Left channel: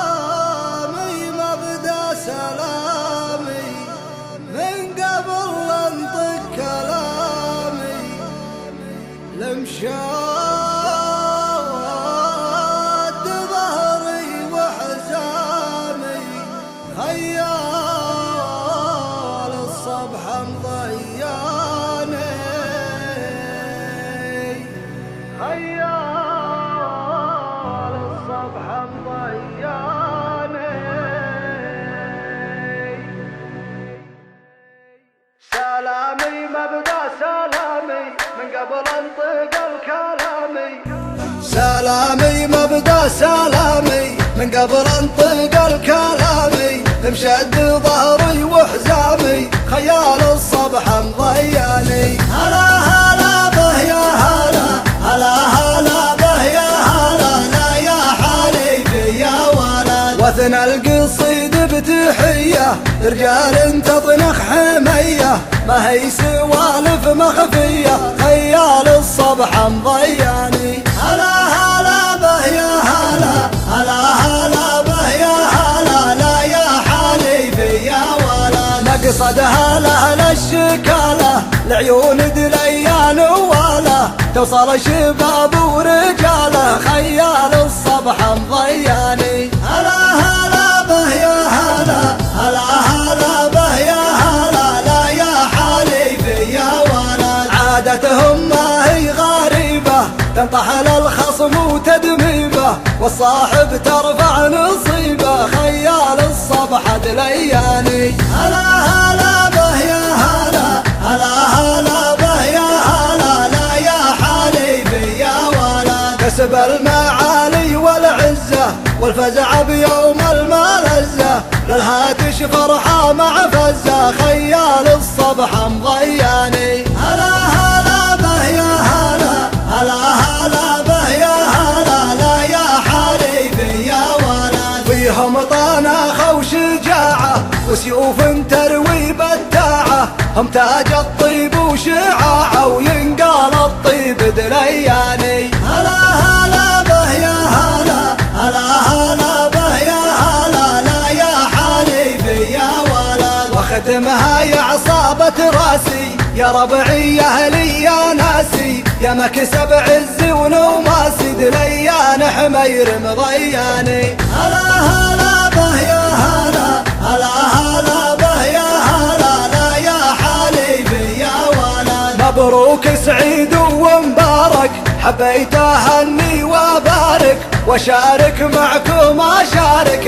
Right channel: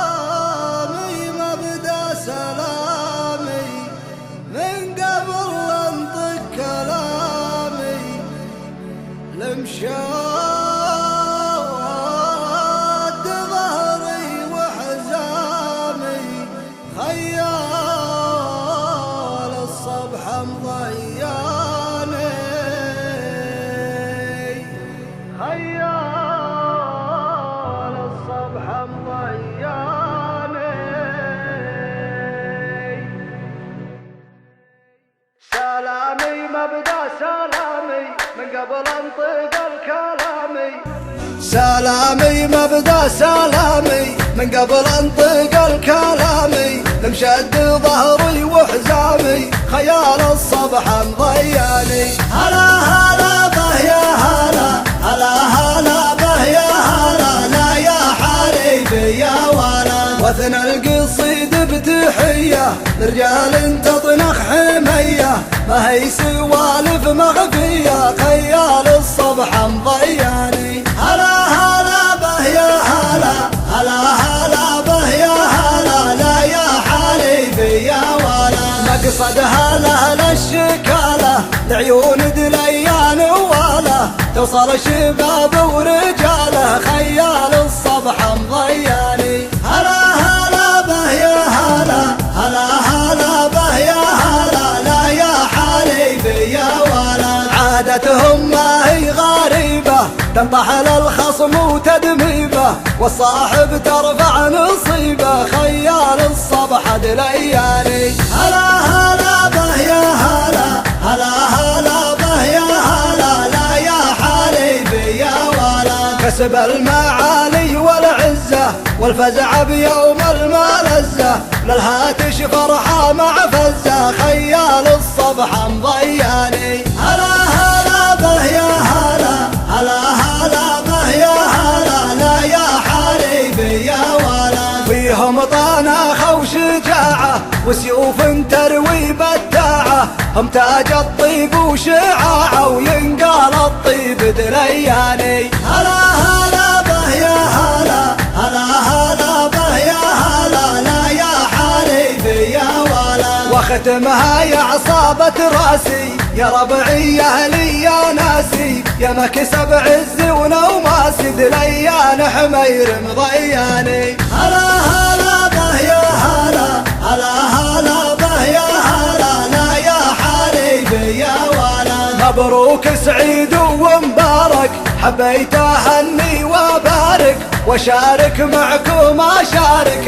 سلامي مبدأ سلامي من قبل لا انطق كلامي لمشاد ظهري وحزامي خيال الصبح مضياني خيال الصبح مضياني سلامي مبدأ سلامي من قبل انطق الكلامي سلامي مبدأ سلامي من قبل انطق الكلامي مشد ظهري وحزامي خيال الصبح مضياني هلا هلا به يا هلا هلا هلا به يا هلا لا يا حبيبي يا ولا وثنى القصيد بتحية رجال تطلق حمية ما هي سوالف مخفية خيال الصبح مضياني هلا هلا به يا هلا هلا هلا به يا هلا لا يا حبيبي يا ولا نقصد هلا الشكالة العيون بليان ولا تصل شباب ورجالة خيال الصبح مضياني هلا هلا به يا هلا هلا هلا به يا هلا لا يا حبيبي يا ولا عادتهم ما هي غريبة تطحن الخصم وتدميمه والصاحب ترفع نصيبه خيال الصبح دلياني هلا هلا به يا هلا هلا هلا به يا هلا لا يا حبيبي يا ولا كسب المعالي والعزة والفزع بيوم الملزة للهاتش فرحة مع فزة خيال الصبح مضياني هلا هلا به يا هلا هلا هلا به يا هلا لا يا حبيبي يا ولا فيهم طانخة وشجاعة وسيوف تروي بداعة هم تاج الطيب وشعاعة وينقال الطيب درياني هلا هلا به يا هلا هلا هلا به يا هلا لا يا حبيبي يا ولا واختمها يا عصابة راسي يا ربعي يا اهلي يا ناسي يا مكسب عزي ونوماسي دريان حمير مضياني هلا هلا به يا هلا هلا هلا به يا هلا لا يا حبيبي يا ولا مبروك سعيد ومبارك حبيت اهني وابارك واشارك معكم اشارك